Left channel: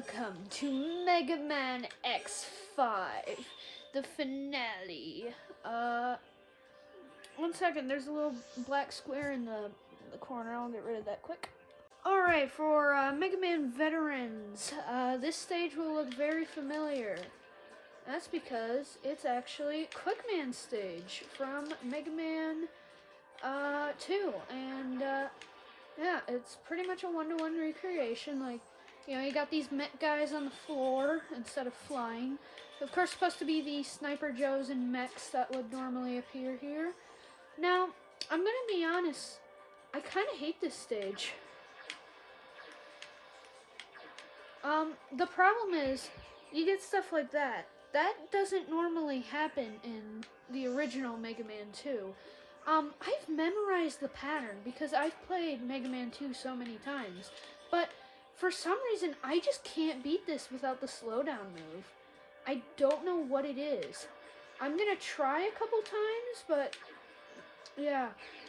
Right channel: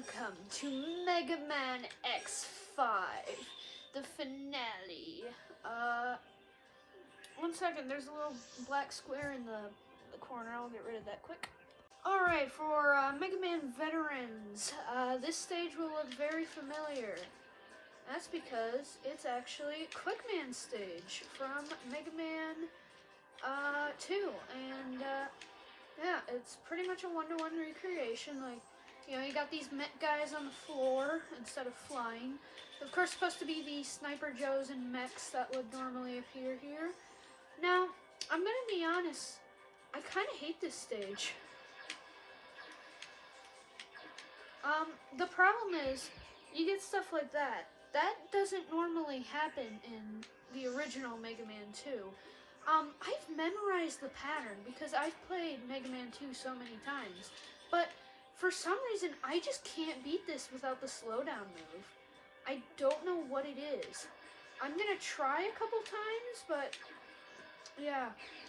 Welcome to Megaman X5, the finale. One second, there's a little black square in the corner. I'll get rid of that quick. Alright, for Megaman veterans, this stage will look very familiar. That's because it's actually Quickman stage from Megaman 2, and yeah, it's pretty much a one-to-one recreation. Like, you know, you got these mech guys on the floor instead of flying. Of course, supposed to be the Sniper Joes and mechs that would normally appear here. Now, I'm gonna be honest, I kind of hate this stage. The problem is, you get stuff like that. That doesn't normally happen in the original Mega Man 2. I've memorized the pattern because I've played Mega Man 2 so many times, but for some reason I just can't beat this without the slowdown move. I don't know what it is. I'm gonna try a couple times, but yeah,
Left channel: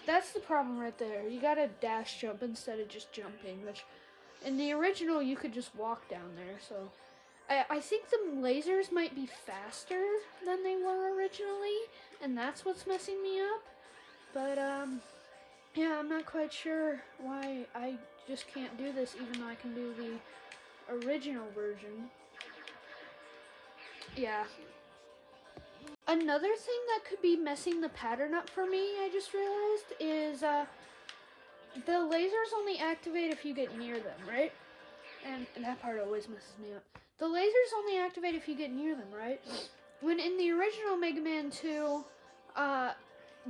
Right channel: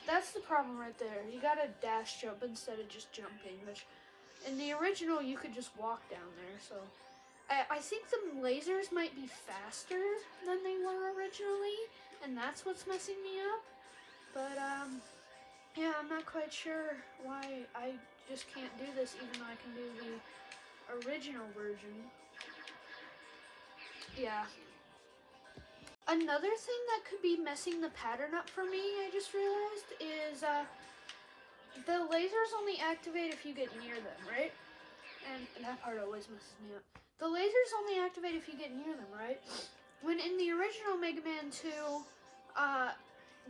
that's the problem right there. You gotta dash jump instead of just jumping, which in the original you could just walk down there, so I think the lasers might be faster than they were originally, and that's what's messing me up. But, yeah, I'm not quite sure why I just can't do this, even though I can do the original version. Yeah. Another thing that could be messing the pattern up for me, I just realized, is, the lasers only activate if you get near them, right? And that part always messes me up. The lasers only activate if you get near them, right? When in the original Mega Man 2,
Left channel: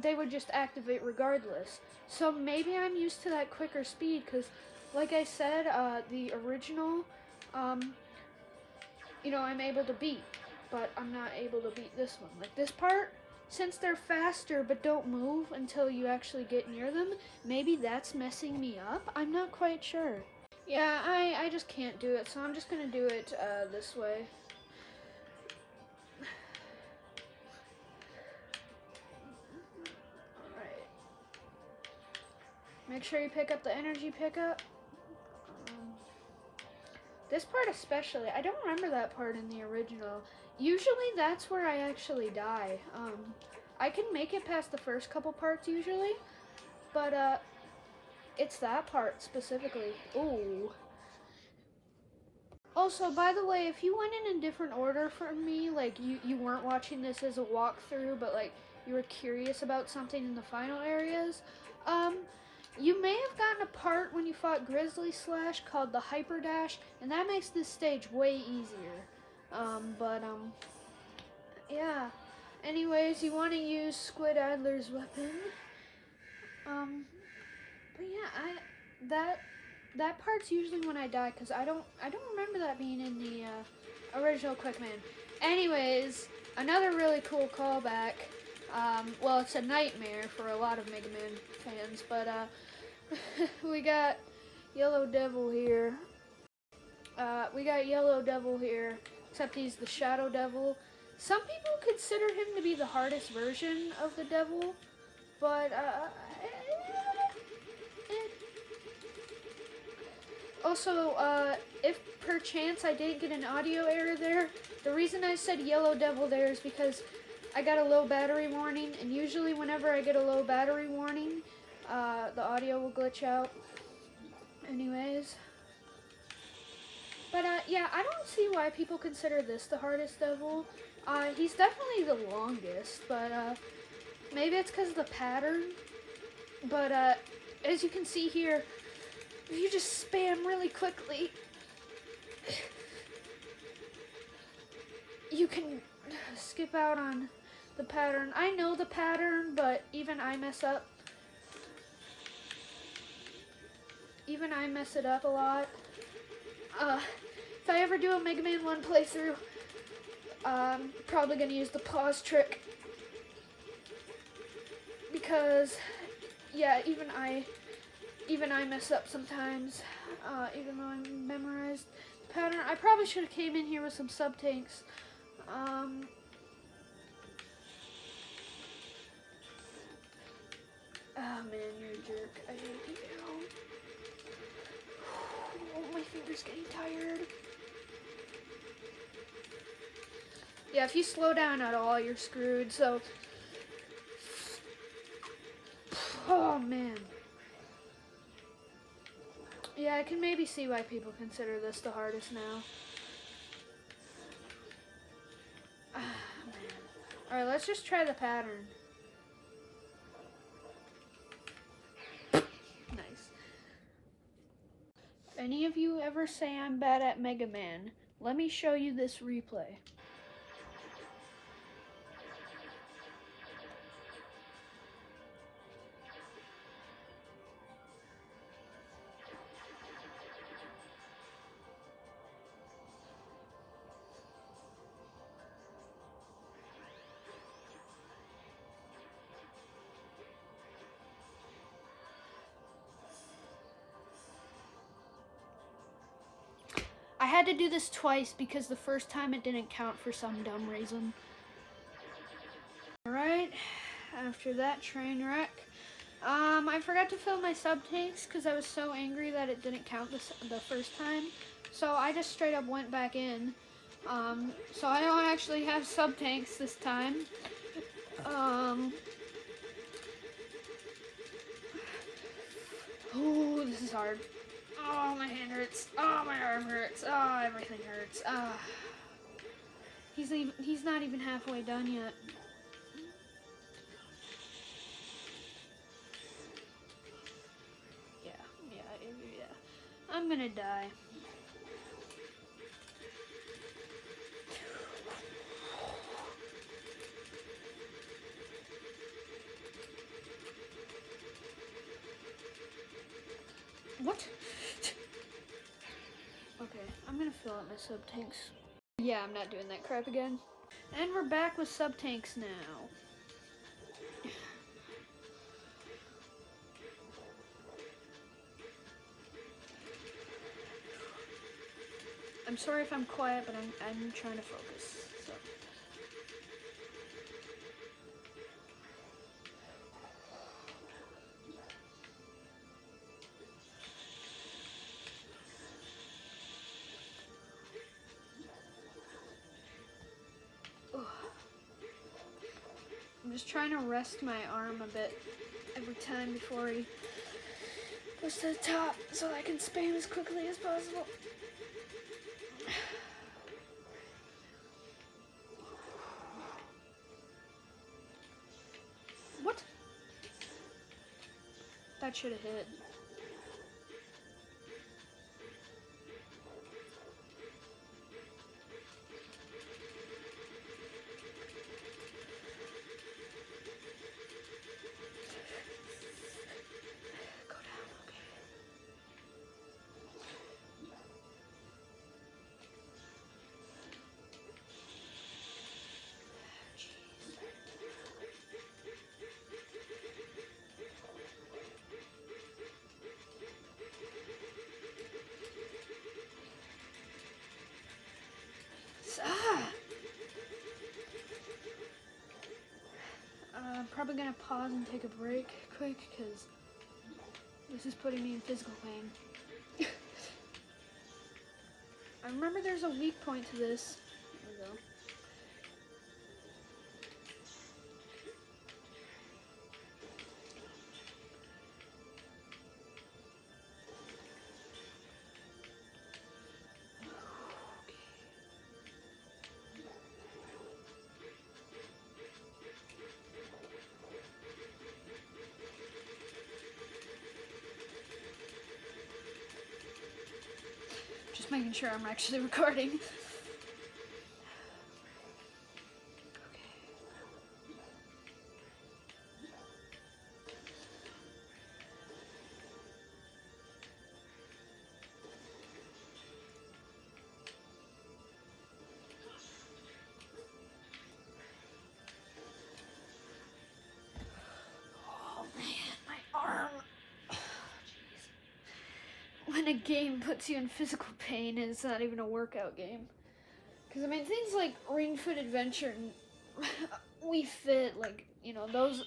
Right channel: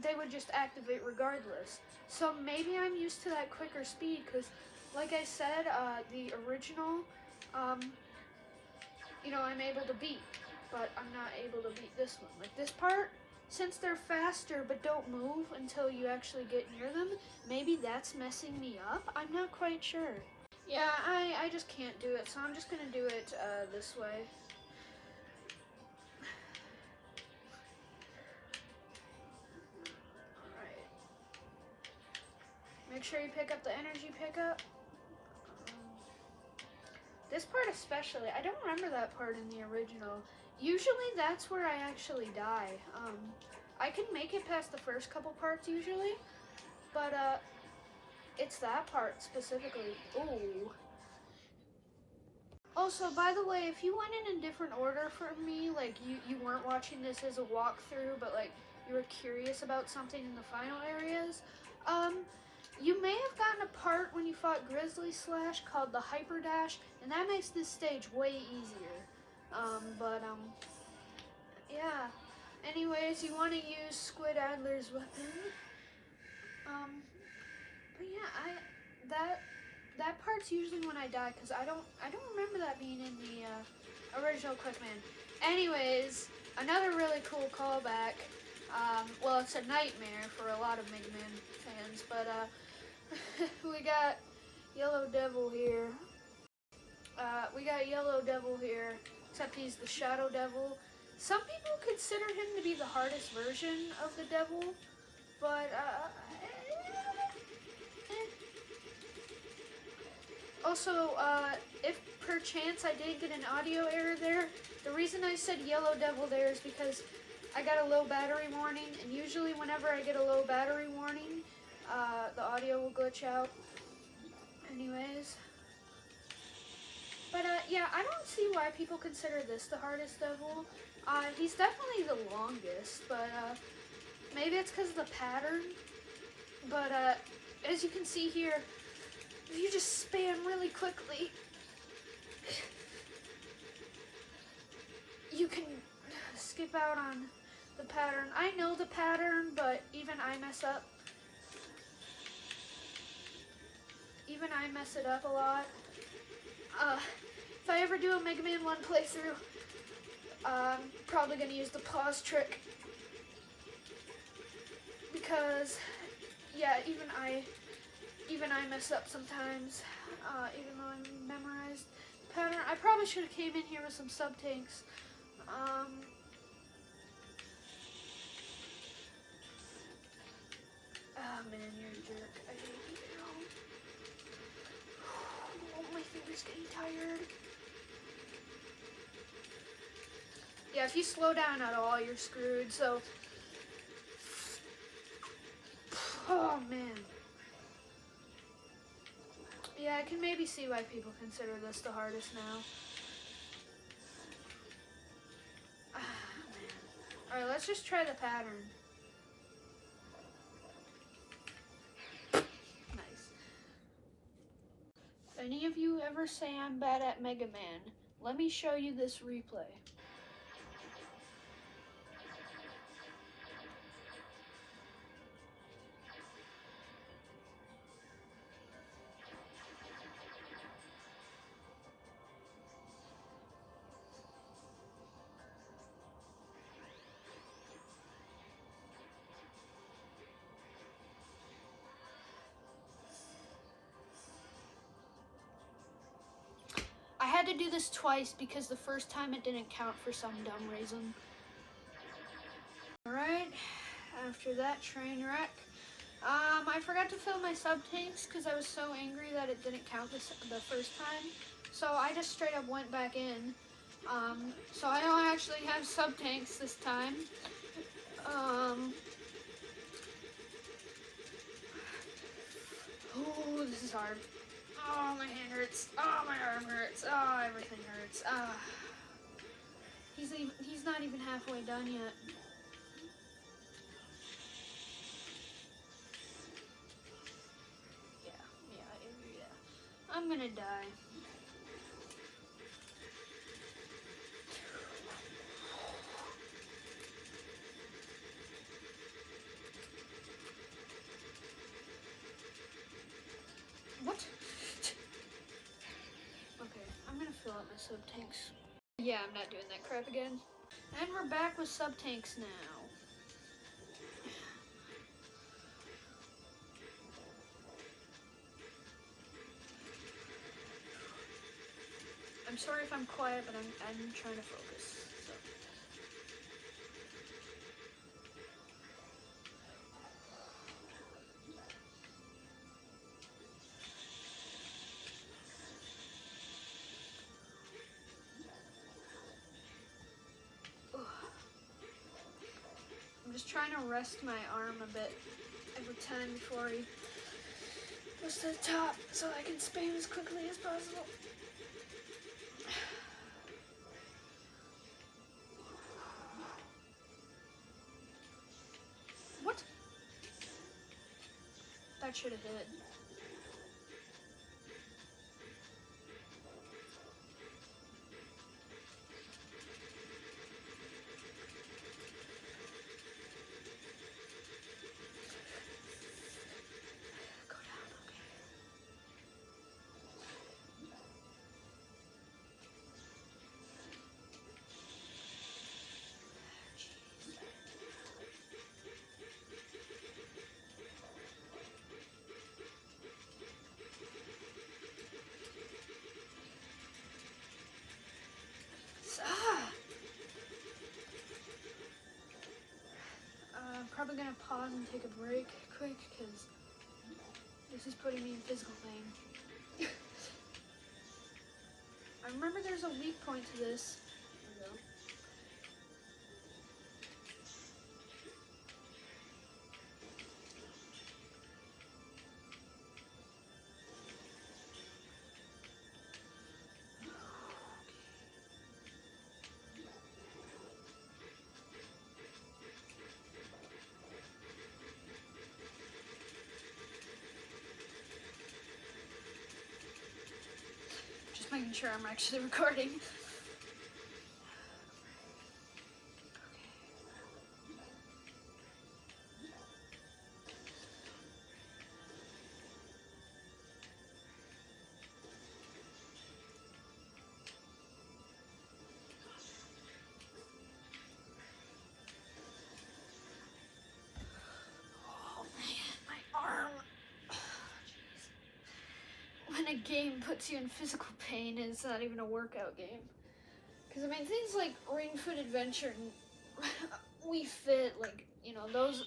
they would just activate regardless. So maybe I'm used to that quicker speed, because like I said, the original, you know, I'm able to beat, but I'm not able to beat this one. Like this part, since they're faster but don't move until you actually get near them, maybe that's messing me up. I'm not quite sure. Yeah, I just can't do it, so I'm just gonna do it this way. Alright. Make sure you pick up the energy pickup. This part especially, I don't remember that part in the original. Usually that's where I actually die. I can make it past the first couple parts usually, but it's that part specifically. Ooh. Also, by the way, if you went in a different order from me, like you weren't watching this as a walkthrough, but like you were curious about something in the final areas, you may have gotten a part when you fought Grizzly Slash called the Hyper Dash, and that makes this stage way easier. Yeah. Anyways, you want to use Squid Adler's weapon. But yeah, that part's usually when I die, because I don't remember that being in the original Quickman. Anyways, another really cool callback. Well, it's a nightmare for a lot of Mega Man fans, but we got Yellow Devil here. Except he's the Shadow Devil. Some people consider him to be the hardest version of the devil, but also, if per chance I did get an audio error there, the reason I said Yellow Devil there is because I got a low battery warning, and usually whenever I get a low battery warning, the audio will glitch out. Anyways. But, yeah, I don't see why people consider this the hardest devil. He's definitely the longest, but, maybe it's because of the pattern. But, as you can see here, if you just spam really quickly, you can skip out on the pattern. I know the pattern, but even I mess up. Even I mess it up a lot. If I ever do a Mega Man 1 playthrough, I'm probably going to use the pause trick. Because, yeah, even I mess up sometimes, even though I memorized the pattern. I probably should have came in here with some sub-tanks. Oh man, you're a jerk. I hate you. Oh, my finger's getting tired. Yeah, if you slow down at all, you're screwed. So, oh man. Yeah, I can maybe see why people consider this the hardest now. Alright, let's just try the pattern. Nice. If any of you ever say I'm bad at Megaman, let me show you this replay. I had to do this twice because the first time it didn't count for some dumb reason. Alright, after that train wreck, I forgot to fill my sub tanks because I was so angry that it didn't count the first time. So I just straight up went back in. So I don't actually have sub tanks this time. Oh, this is hard. Oh, my hand hurts. Oh, my arm hurts. Oh, everything hurts. He's not even halfway done yet. Yeah. I'm gonna die. What? Okay, I'm gonna fill up my sub tanks. Yeah, I'm not doing that crap again. And we're back with sub tanks now. I'm sorry if I'm quiet, but I'm trying to focus. I'm just trying to rest my arm a bit every time before he goes to the top so I can spam as quickly as possible. What? That should have hit. I'm probably gonna pause and take a break quick because this is putting me in physical pain. I remember there's a weak point to this. Making sure I'm actually recording. When a game puts you in physical pain, it's not even a workout game. Because, I mean, things like Ring Fit Adventure and We Fit, like, you know, those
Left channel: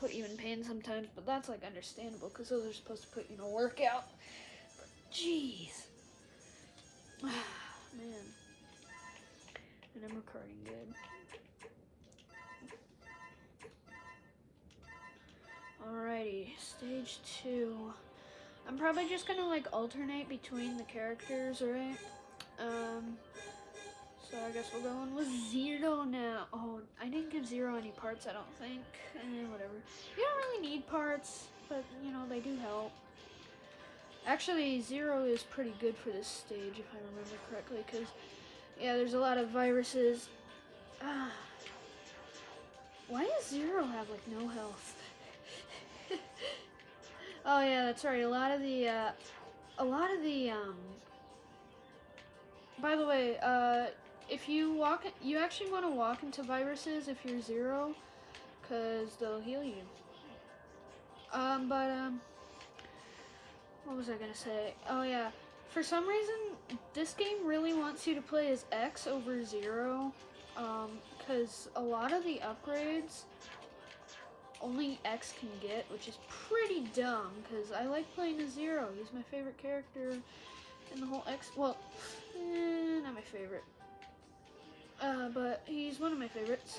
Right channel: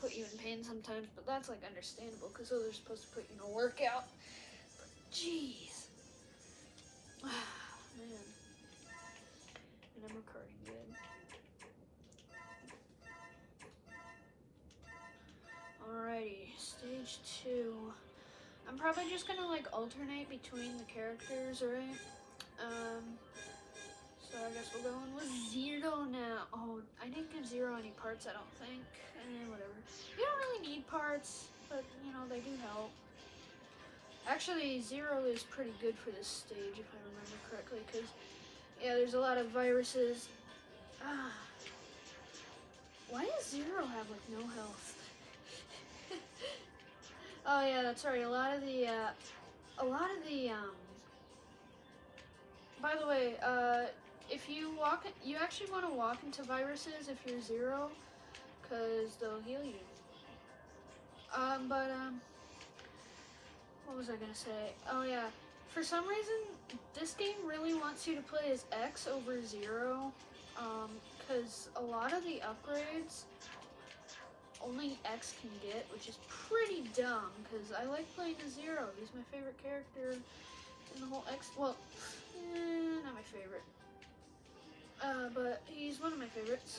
put you in pain sometimes, but that's, like, understandable, because those are supposed to put you in a workout. Jeez. Man. And I'm recording good. just gonna like alternate between the characters, right? So I guess we're going with Zero now. Oh, I didn't give Zero any parts, I don't think. Whatever. You don't really need parts, but you know, they do help. Actually, Zero is pretty good for this stage, if I remember correctly, because, yeah, there's a lot of viruses. Why does Zero have, like, no health? Oh, yeah, that's right. A lot of the, by the way, if you actually want to walk into viruses if you're Zero, because they'll heal you. What was I gonna say? Oh yeah, for some reason, this game really wants you to play as X over Zero, because a lot of the upgrades only X can get, which is pretty dumb, because I like playing as Zero. He's my favorite character in the whole X, well, not my favorite, but he's one of my favorites.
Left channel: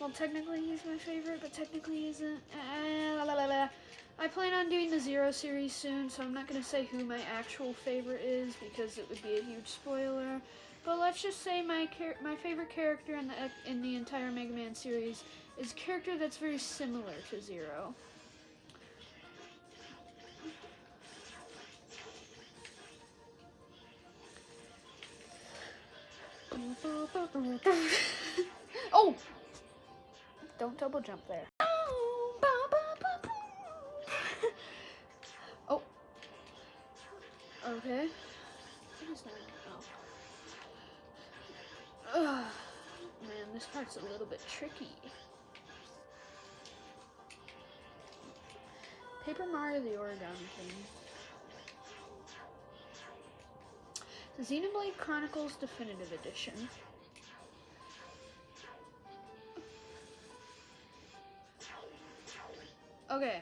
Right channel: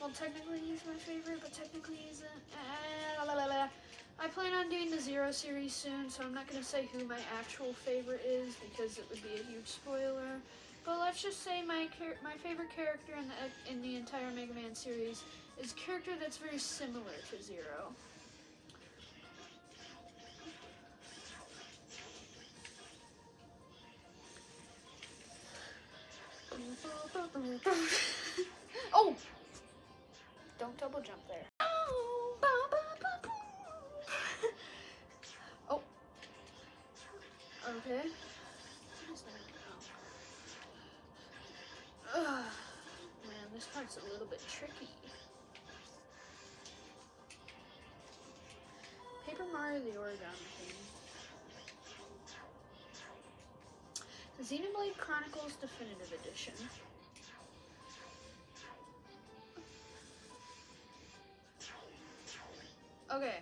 Well, technically he's my favorite, but technically he isn't. I plan on doing the Zero series soon, so I'm not going to say who my actual favorite is, because it would be a huge spoiler. But let's just say my favorite character in the entire Mega Man series is a character that's very similar to Zero. Oh! Don't double jump there. Oh. Okay. Man, this part's a little bit tricky. Paper Mario the Origami King. Xenoblade Chronicles Definitive Edition. Okay.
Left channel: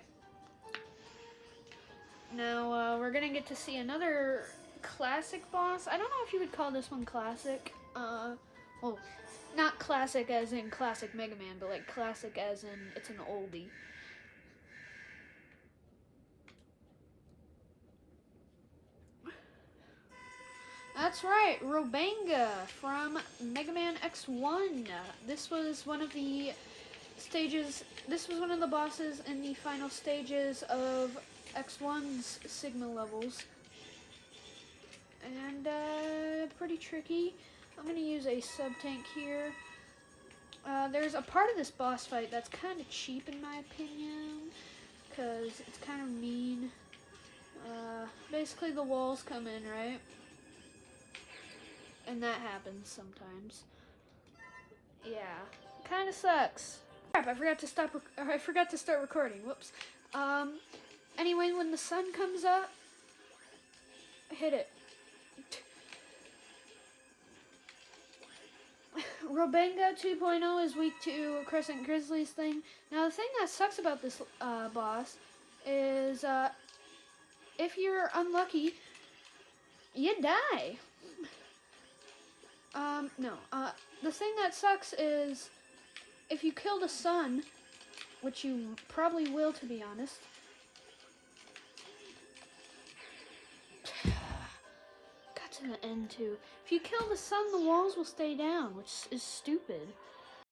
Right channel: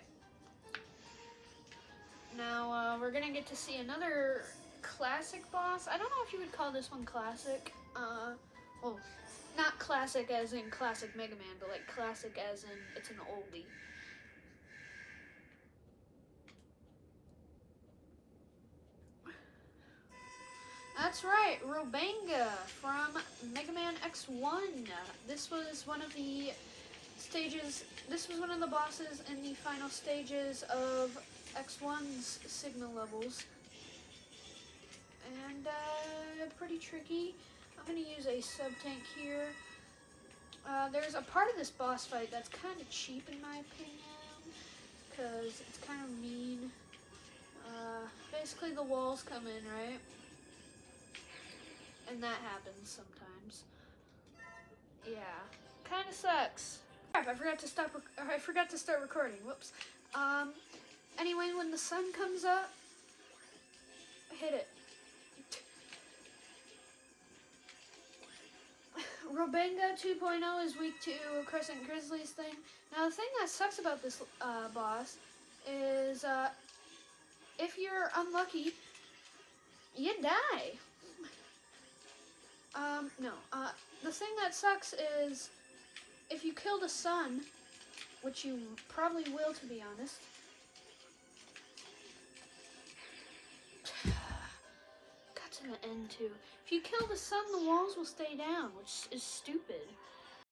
Now, we're gonna get to see another classic boss. I don't know if you would call this one classic. Well, not classic as in classic Mega Man, but like classic as in it's an oldie. That's right, Robanga from Megaman X1. This was one of the stages, this was one of the bosses in the final stages of X1's signal levels. And, pretty tricky. I'm going to use a sub-tank here. There's a part of this boss fight that's kind of cheap in my opinion, because it's kind of mean. Basically the walls come in, right? And that happens sometimes. Yeah, kind of sucks. Crap, I forgot to start recording. Whoops. Anyway, when the sun comes up, hit it. Robanga 2.0 is weak to Crescent Grizzly's thing. Now, the thing that sucks about this boss is if you're unlucky, you die. The thing that sucks is if you kill the sun, which you probably will, to be honest. Got to the end too. If you kill the sun, the walls will stay down, which is stupid.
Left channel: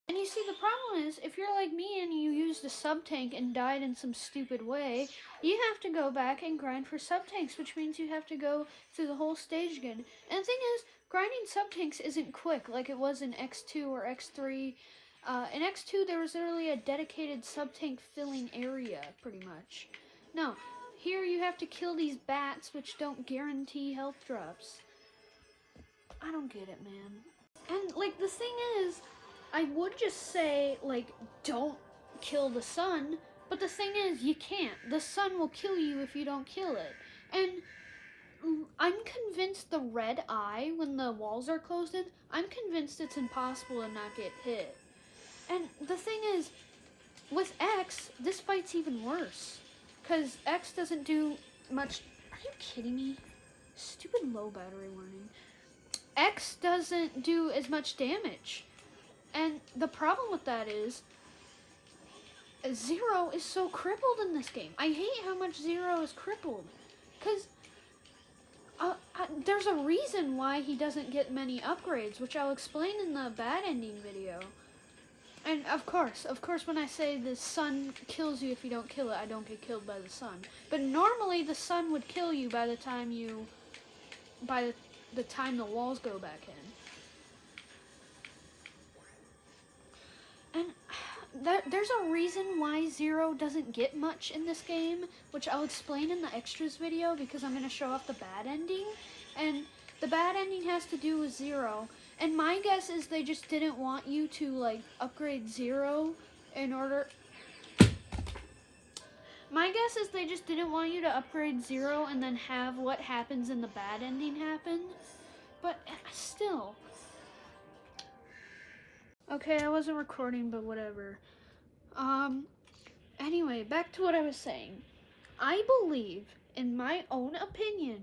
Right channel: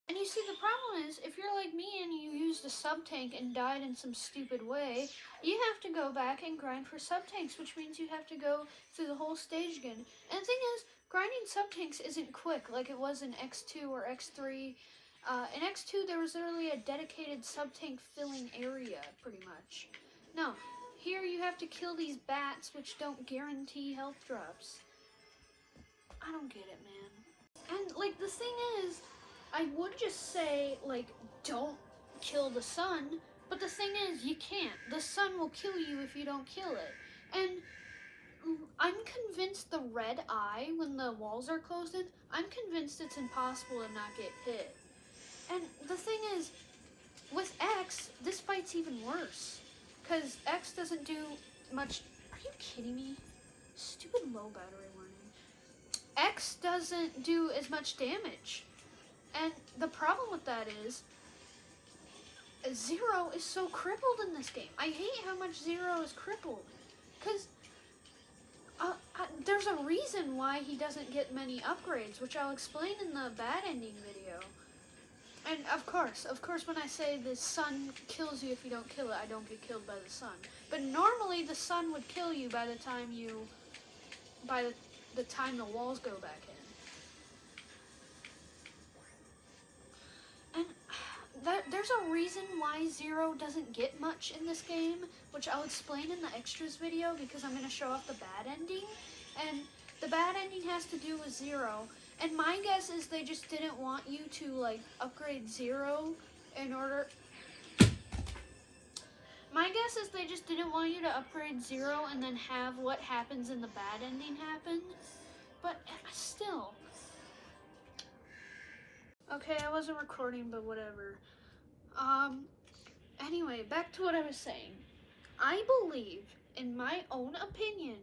And you see, the problem is, if you're like me and you used a sub-tank and died in some stupid way, you have to go back and grind for sub-tanks, which means you have to go through the whole stage again. And the thing is, grinding sub-tanks isn't quick like it was in X2 or X3. In X2, there was literally a dedicated sub-tank filling area, pretty much. No, here you have to kill these bats, which don't guarantee health drops. I don't get it, man. And, like, the thing is, I would just say, like, don't kill the sun, but the thing is, you can't. The sun will kill you if you don't kill it. And I'm convinced the red eye, when the walls are closed in, I'm convinced it's impossible to not get hit. And the thing is, with X, this fight's even worse. Because X doesn't do much. Are you kidding me? Stupid low battery warning. X doesn't do as much damage. And the problem with that is, Zero is so crippled in this game. I hate how much Zero is crippled. Because there's a reason why he doesn't get many upgrades, which I'll explain in the bad ending video. And of course, when I say the sun kills you if you don't kill it, I don't get killed by the sun. But normally the sun would kill you by the time the time the walls go back in. And there's a reason why Zero doesn't get much in this game, which I'll explain in the extras video because I'm going to show off the bad ending. And the bad ending has to do with Zero. And my guess is they just didn't want you to, like, upgrade Zero in order... My guess is they just didn't want you to upgrade Zero and then have what happens in the bad ending happen. But still. Okay, I wasn't recording, but whatever. Anyway, back to what I was saying. I believe, in my own opinion,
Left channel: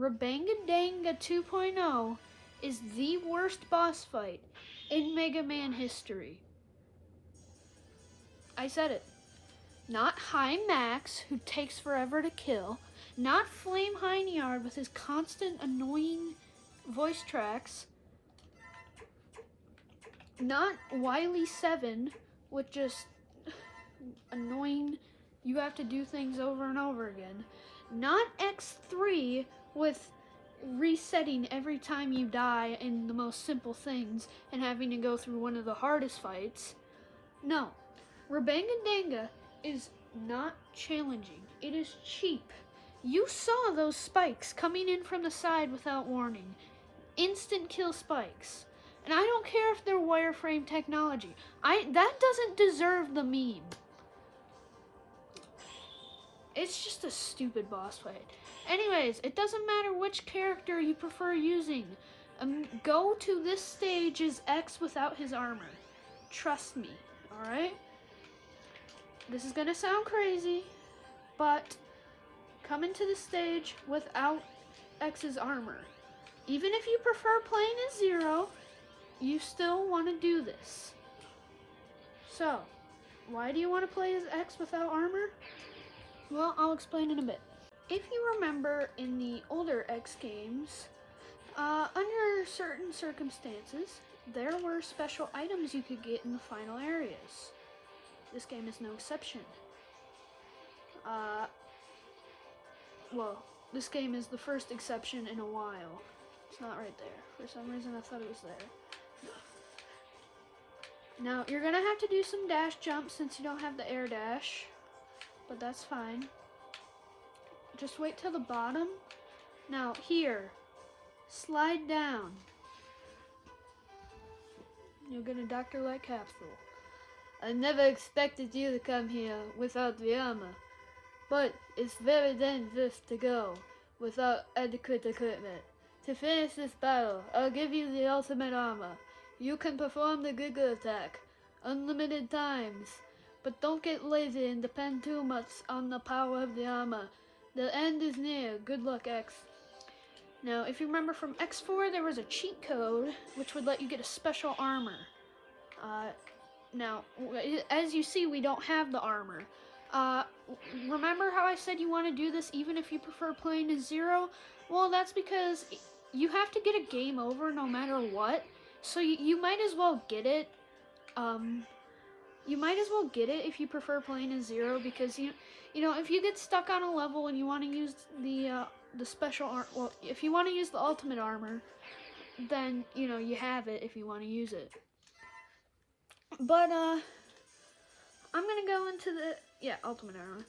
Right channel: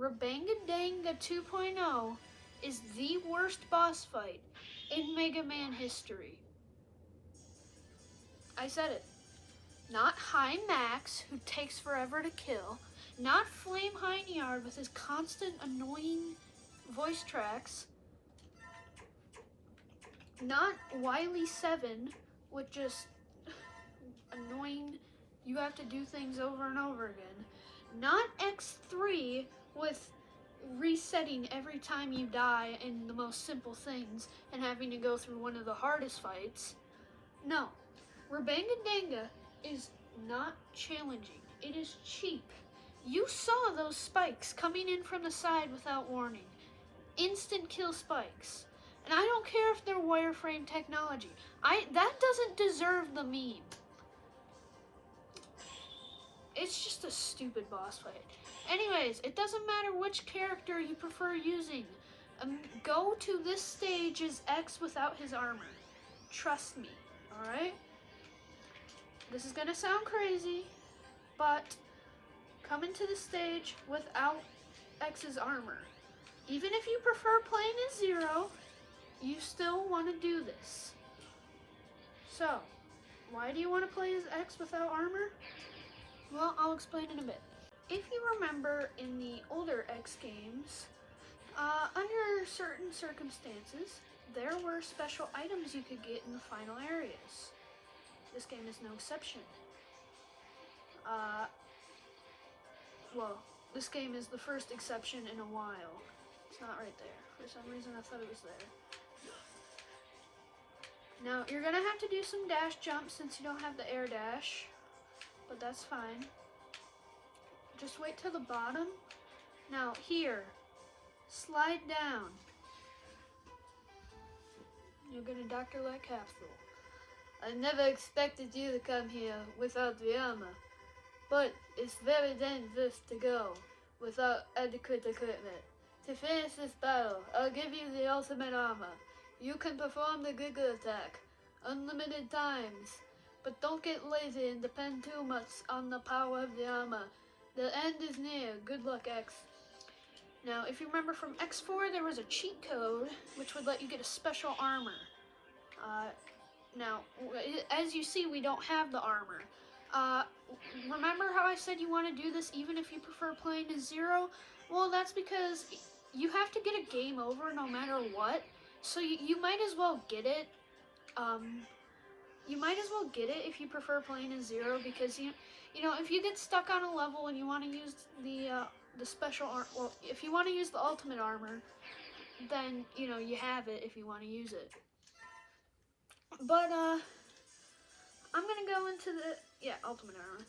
Rabanga 2.0 is the worst boss fight in Mega Man history. I said it. Not High Max, who takes forever to kill. Not Flame Heinyard with his constant annoying voice tracks. Not Wily 7 with just annoying, you have to do things over and over again. Not X3 with resetting every time you die in the most simple things and having to go through one of the hardest fights. No, Rabanga is not challenging. It is cheap. You saw those spikes coming in from the side without warning. Instant kill spikes. And I don't care if they're wireframe technology. That doesn't deserve the meme. It's just a stupid boss fight. Anyways, it doesn't matter which character you prefer using. Go to this stage as X without his armor. Trust me, alright? This is gonna sound crazy, but come into the stage without X's armor. Even if you prefer playing as Zero, you still want to do this. So, why do you want to play as X without armor? Well, I'll explain in a bit. If you remember in the older X games, under certain circumstances, there were special items you could get in the final areas. This game is no exception. Well, this game is the first exception in a while. It's not right there. For some reason I thought it was there. Now, you're gonna have to do some dash jumps since you don't have the air dash, but that's fine. Just wait till the bottom. Now, here, slide down. You'll get a Dr. Light capsule. I never expected you to come here without the armor, but it's very dangerous to go without adequate equipment. To finish this battle, I'll give you the ultimate armor. You can perform the Giga attack unlimited times, but don't get lazy and depend too much on the power of the armor. The end is near. Good luck, X. Now, if you remember from X4, there was a cheat code which would let you get a special armor. Now, as you see, we don't have the armor. Remember how I said you want to do this even if you prefer playing as Zero? Well, that's because you have to get a game over no matter what. So you might as well get it. You might as well get it if you prefer playing as Zero, because you know, if you get stuck on a level and you want to use the special well, if you want to use the ultimate armor, then you know you have it if you want to use it. But I'm gonna go into the ultimate armor.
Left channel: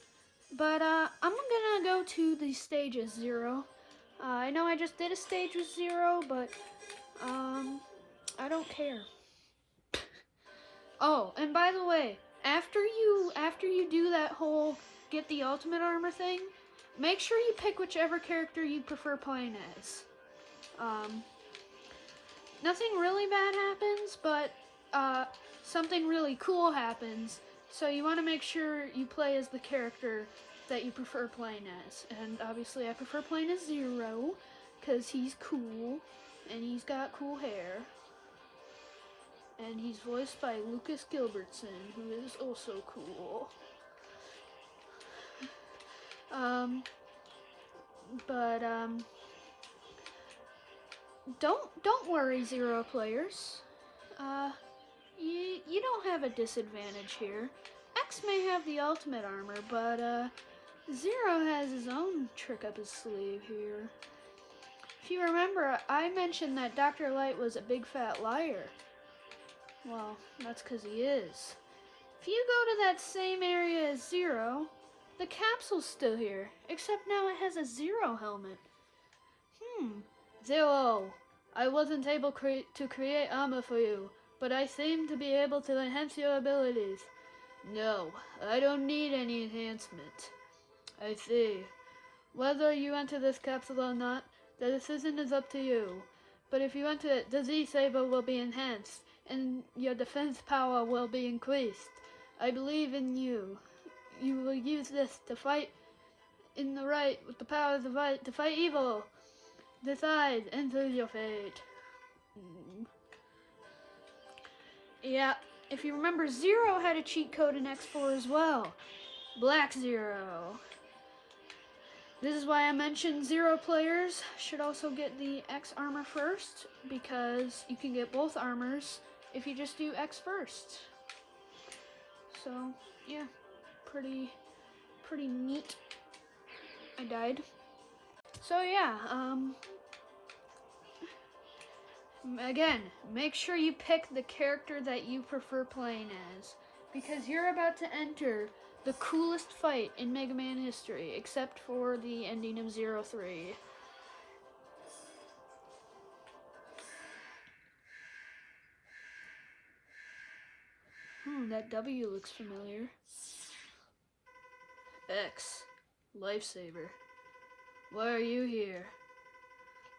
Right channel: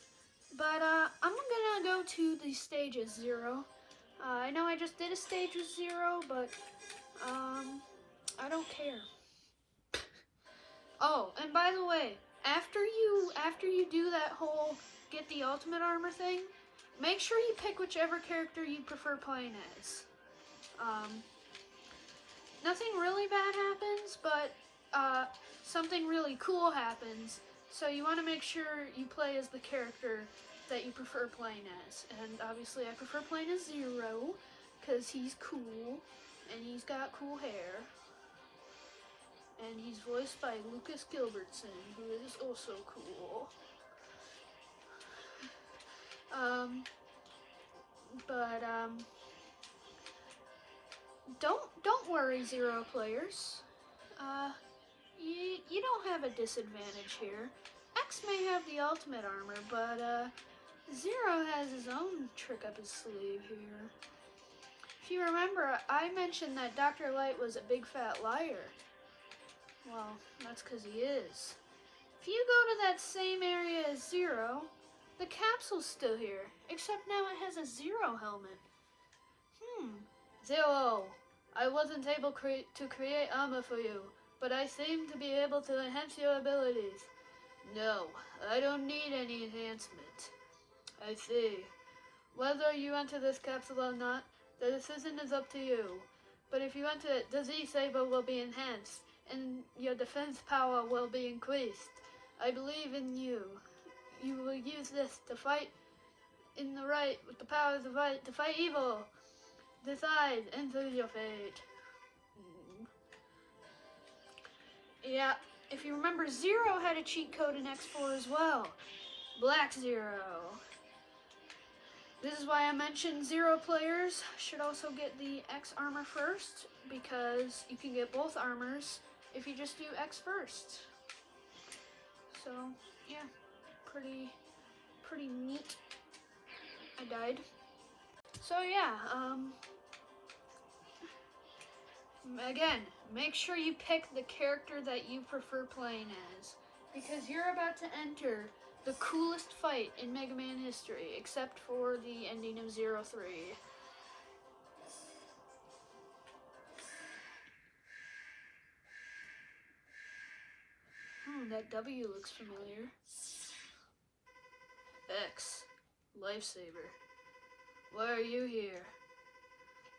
But I'm gonna go to the stage as Zero. I know I just did a stage with Zero, but I don't care. Oh, and by the way, after you do that whole get the ultimate armor thing, make sure you pick whichever character you prefer playing as. Nothing really bad happens, but something really cool happens, so you want to make sure you play as the character that you prefer playing as. And obviously I prefer playing as Zero, because he's cool, and he's got cool hair. And he's voiced by Lucas Gilbertson, who is also cool. But don't worry, Zero players. Uh, you don't have a disadvantage here. X may have the ultimate armor, but Zero has his own trick up his sleeve here. If you remember, I mentioned that Dr. Light was a big fat liar. Well, that's because he is. If you go to that same area as Zero, the capsule's still here, except now it has a Zero helmet. Zero, I wasn't able to create armor for you, but I seem to be able to enhance your abilities. No, I don't need any enhancement. I see. Whether you enter this capsule or not, the decision is up to you. But if you enter it, the Z-Saber will be enhanced, and your defense power will be increased. I believe in you. You will use this to fight in the right, with the power of the right, to fight evil. Decide, enter your fate. Yeah, if you remember, Zero had a cheat code in X4 as well. Black Zero. This is why I mentioned Zero players should also get the X armor first, because you can get both armors if you just do X first. So, yeah, pretty neat. I died. So yeah, again, make sure you pick the character that you prefer playing as, because you're about to enter the coolest fight in Mega Man history, except for the ending of 03. Oh, that W looks familiar. X, Lifesaver. Why are you here?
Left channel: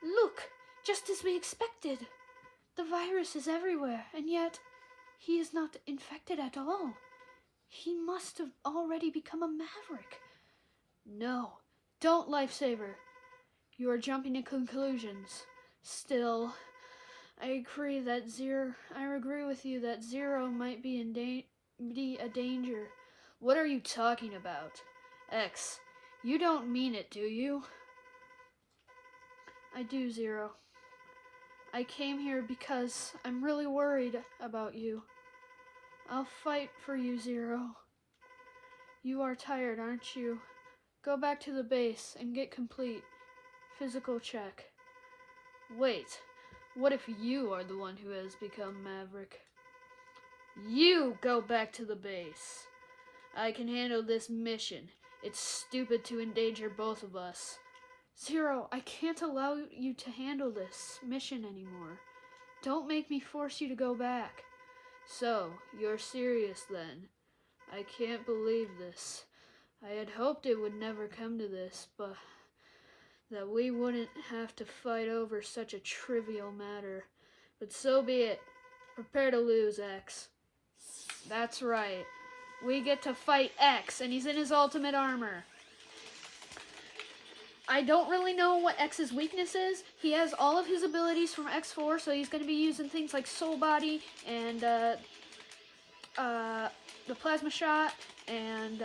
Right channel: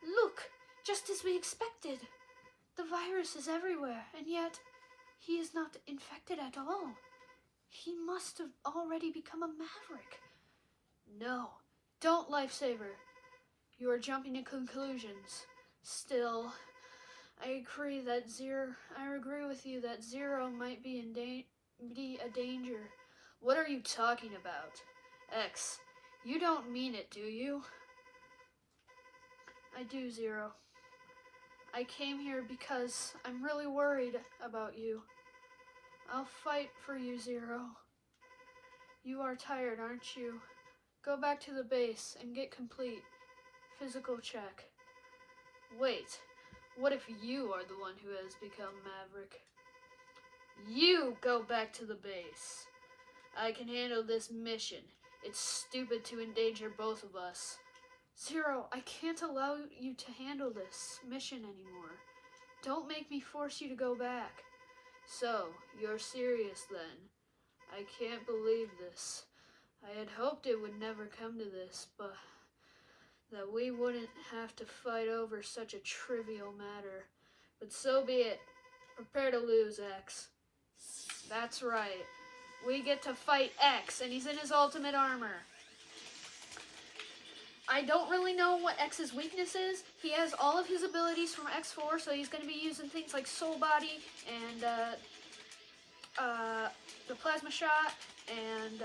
Look, just as we expected. The virus is everywhere, and yet he is not infected at all. He must have already become a maverick. No, don't, Lifesaver. You are jumping to conclusions. Still, I agree with you that Zero might be a danger. What are you talking about? X, you don't mean it, do you? I do, Zero. I came here because I'm really worried about you. I'll fight for you, Zero. You are tired, aren't you? Go back to the base and get complete physical check. Wait, what if you are the one who has become Maverick? You go back to the base. I can handle this mission. It's stupid to endanger both of us. Zero, I can't allow you to handle this mission anymore. Don't make me force you to go back. So, you're serious then? I can't believe this. I had hoped it would never come to this, but that we wouldn't have to fight over such a trivial matter. But so be it. Prepare to lose, X. That's right. We get to fight X, and he's in his ultimate armor. I don't really know what X's weakness is. He has all of his abilities from X4, so he's going to be using things like Soul Body and the Plasma Shot and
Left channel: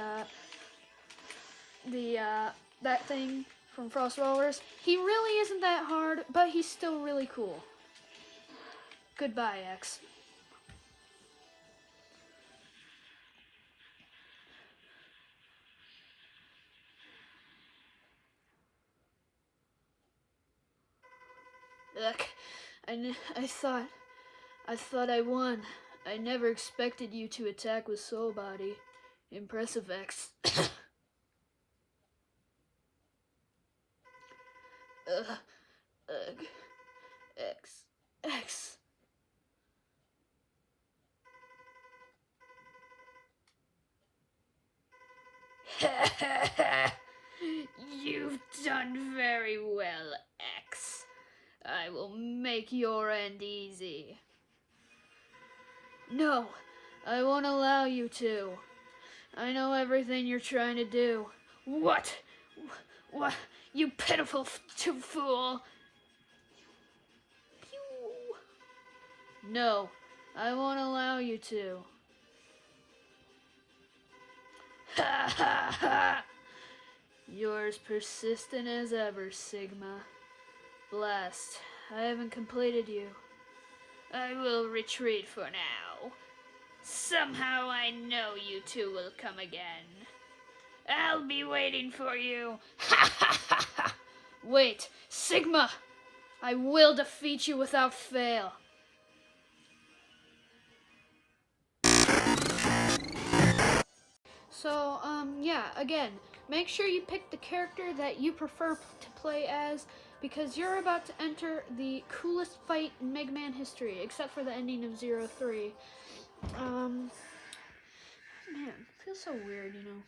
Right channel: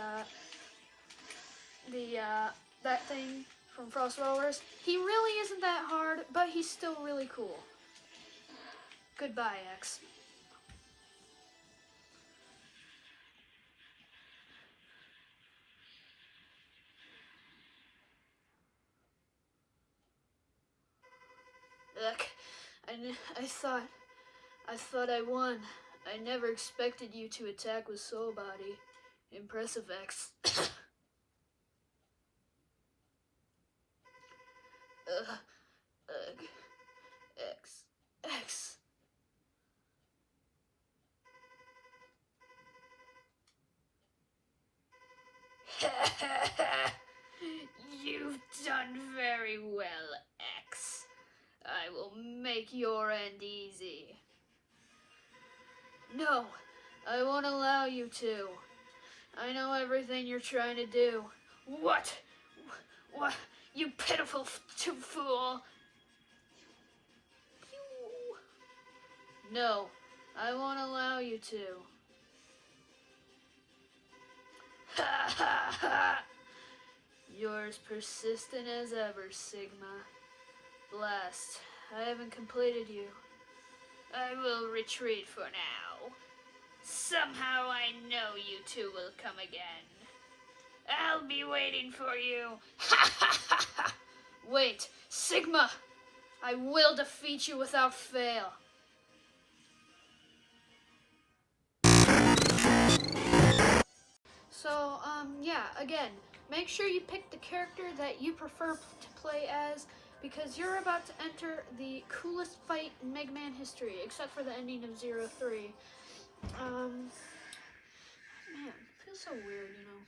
that thing from Frost Rollers. He really isn't that hard, but he's still really cool. Goodbye, X. Look, I thought I won. I never expected you to attack with Soul Body. Impressive, X. X. You've done very well, X. I will make your end easy. No, I won't allow you to. I know everything you're trying to do. What? What? You pitiful fool! No, I won't allow you to. Ha ha ha! You're as persistent as ever, Sigma. Blast, I haven't completed you. I will retreat for now. Somehow I know you two will come again. I'll be waiting for you. Ha ha ha ha! Wait, Sigma! I will defeat you without fail. So, yeah, again, make sure you pick the character that you prefer to play as, because you're about to enter the coolest fight in Megaman history, except for the ending of 03. Man, it feels so weird, you know.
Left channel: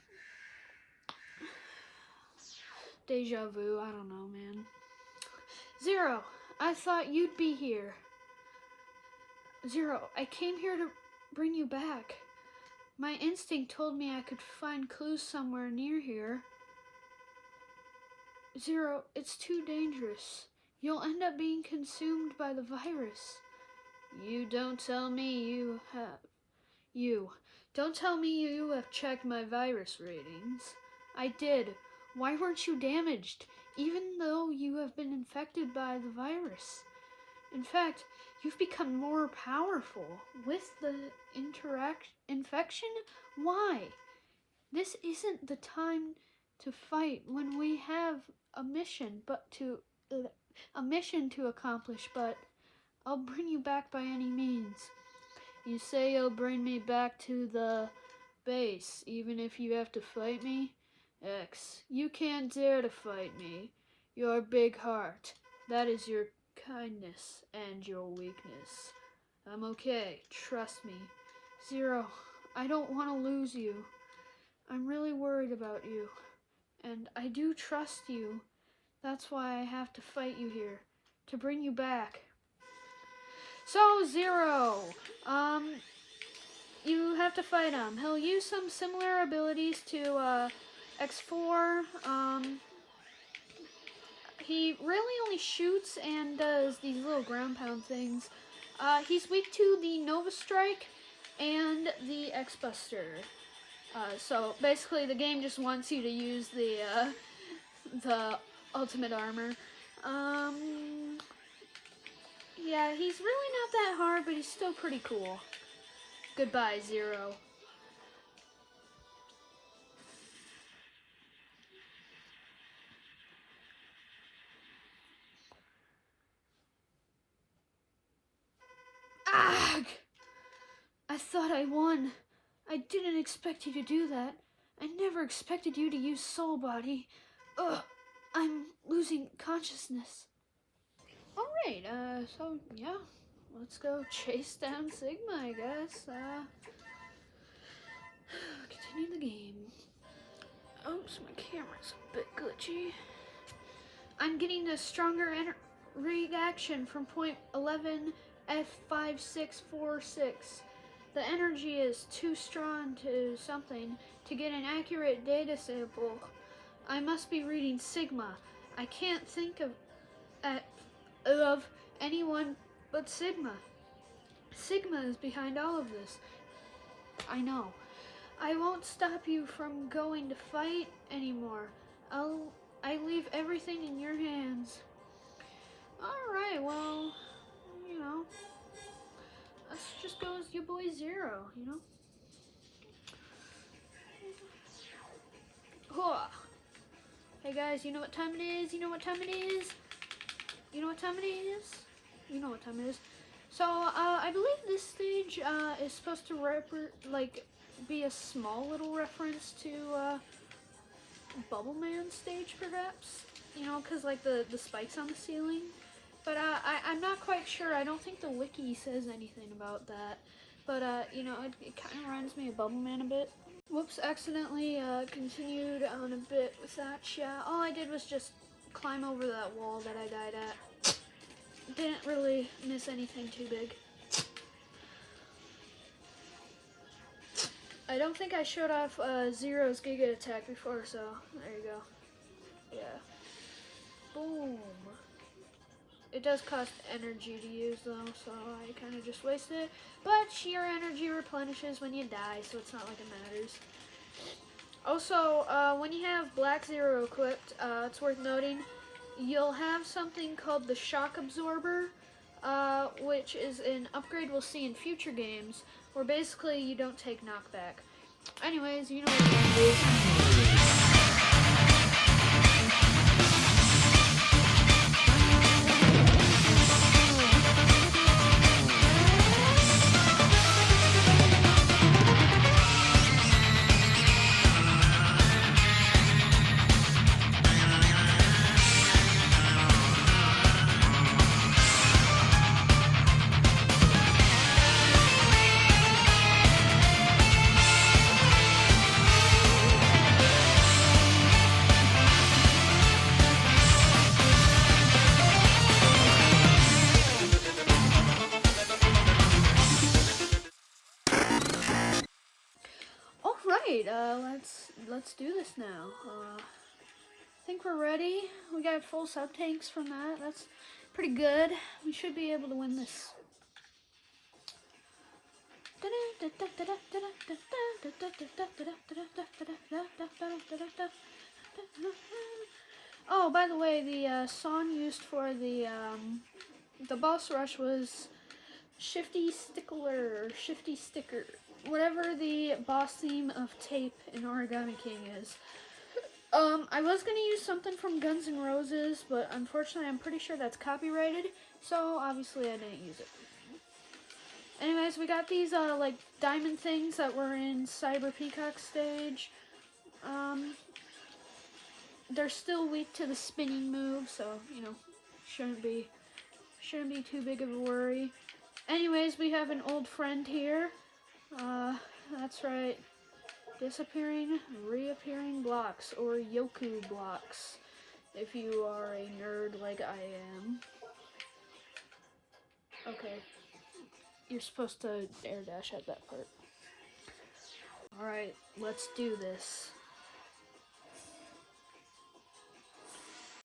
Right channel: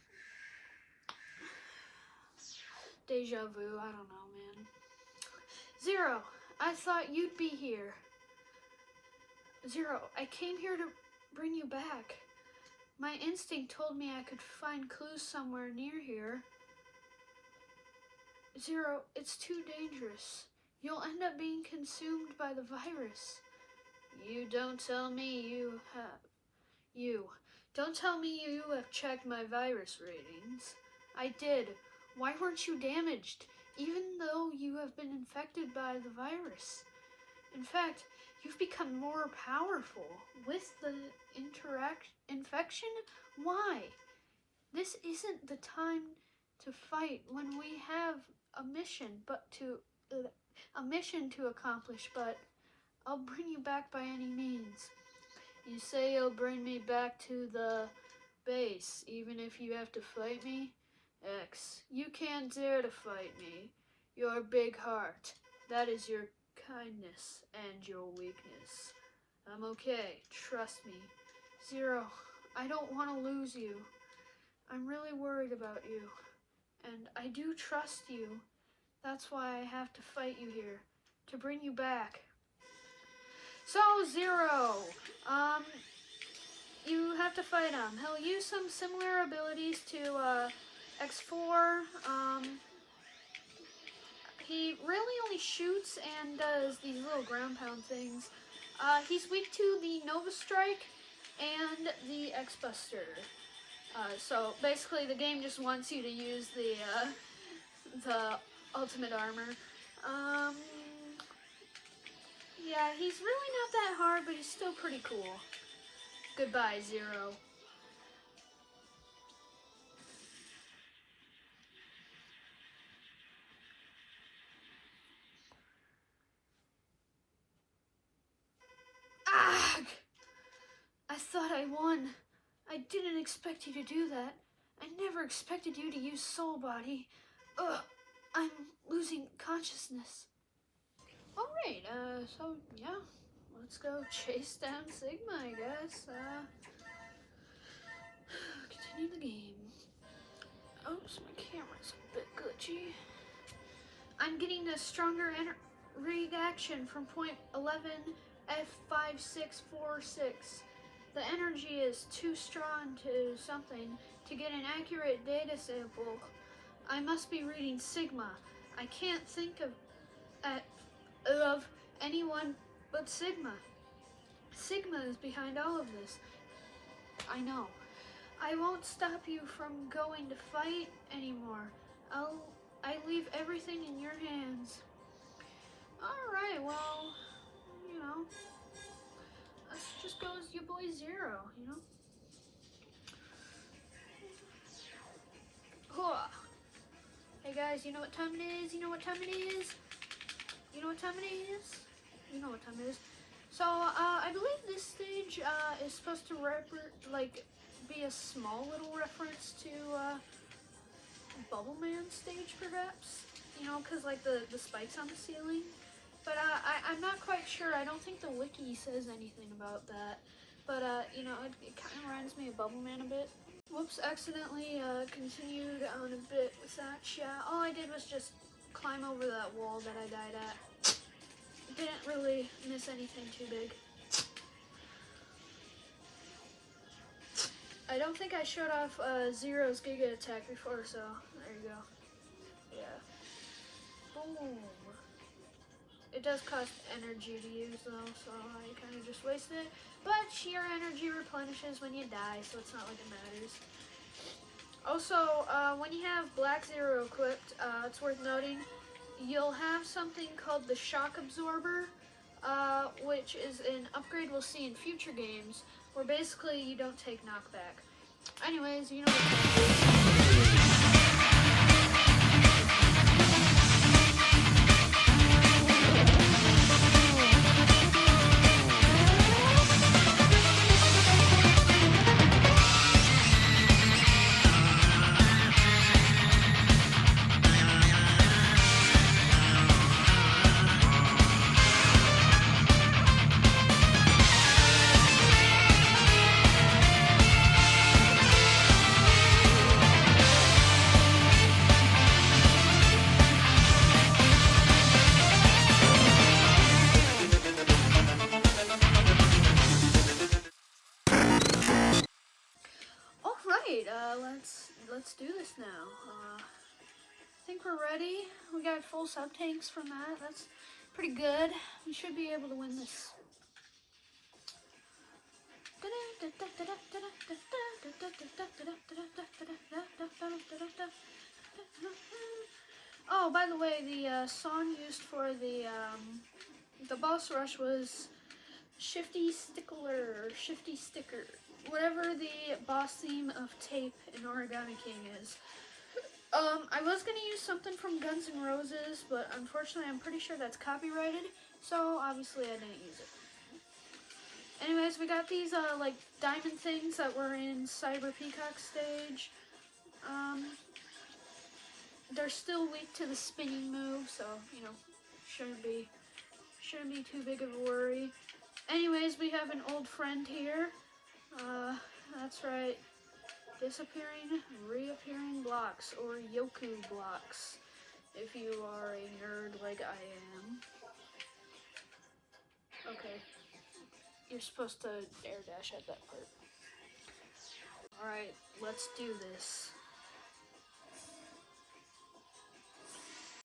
Deja vu, I don't know, man. Zero, I thought you'd be here. Zero, I came here to bring you back. My instinct told me I could find clues somewhere near here. Zero, it's too dangerous. You'll end up being consumed by the virus. You don't tell me Don't tell me you have checked my virus ratings. I did. Why weren't you damaged, even though you have been infected by the virus? In fact, you've become more powerful with the infection? Why? This isn't the time to fight when we have a mission to accomplish, but I'll bring you back by any means. You say you'll bring me back to the base, even if you have to fight me? X, you can't dare to fight me. Your big heart, that is your kindness and your weakness. I'm okay, trust me. Zero, I don't want to lose you. I'm really worried about you, and I do trust you. That's why I have to fight you here, to bring you back. So, Zero, you have to fight him. He'll use some similar abilities to X4. He really only shoots and does these little ground pound things. He's weak to the Nova Strike and the X-Buster. So basically the game just wants you to use the ultimate armor. Yeah, he's really not that hard, but he's still pretty cool. Goodbye, Zero. Ugh! I thought I won. I didn't expect you to do that. I never expected you to use Soul Body. Ugh, I'm losing consciousness. Alright, so yeah, let's go chase down Sigma, I guess. Continue the game. Oops, my camera's a bit glitchy. I'm getting a stronger reaction from point 11 F5646. The energy is too strong to something to get an accurate data sample. I must be reading Sigma. I can't think of anyone but Sigma. Sigma is behind all of this. I know. I won't stop you from going to fight anymore. I leave everything in your hands. Alright, well, you know, let's just go as your boy Zero, you know? Hey guys, you know what time it is? You know what time it is? You know what time it is? You know what time it is. So, I believe this stage is supposed to be a small little reference to Bubble Man stage, perhaps? You know, because like the spikes on the ceiling. But I'm not quite sure. I don't think the wiki says anything about that. But, you know, it kind of reminds me of Bubble Man a bit. Whoops, accidentally continued on a bit with that. Yeah, all I did was just climb over that wall that I died at. Didn't really miss anything too big. I don't think I showed off Zero's Giga Attack before, so there you go. Yeah. Boom. It does cost energy to use though, so I kind of just wasted it. But sheer energy replenishes when you die, so it's not like it matters. Also, when you have Black Zero equipped, it's worth noting, you'll have something called the Shock Absorber, which is an upgrade we'll see in future games, where basically you don't take knockback. Anyways, you know. Alright, let's do this now. I think we're ready. We got full sub tanks from that. That's pretty good. We should be able to win this. Oh, by the way, the song used for the boss rush was Shifty Stickler, or Shifty Sticker, whatever the boss theme of Tape in Origami King is. I was gonna use something from Guns N' Roses, but unfortunately I'm pretty sure that's copyrighted, so obviously I didn't use it. Anyways, we got these like diamond things that were in Cyber Peacock stage. They're still weak to the spinning move, so you know, shouldn't be too big of a worry. Anyways, we have an old friend here. That's right. Disappearing, reappearing blocks, or Yoku blocks, if you are a nerd like I am. Okay. You're supposed to air dash at that part. Alright, let's do this.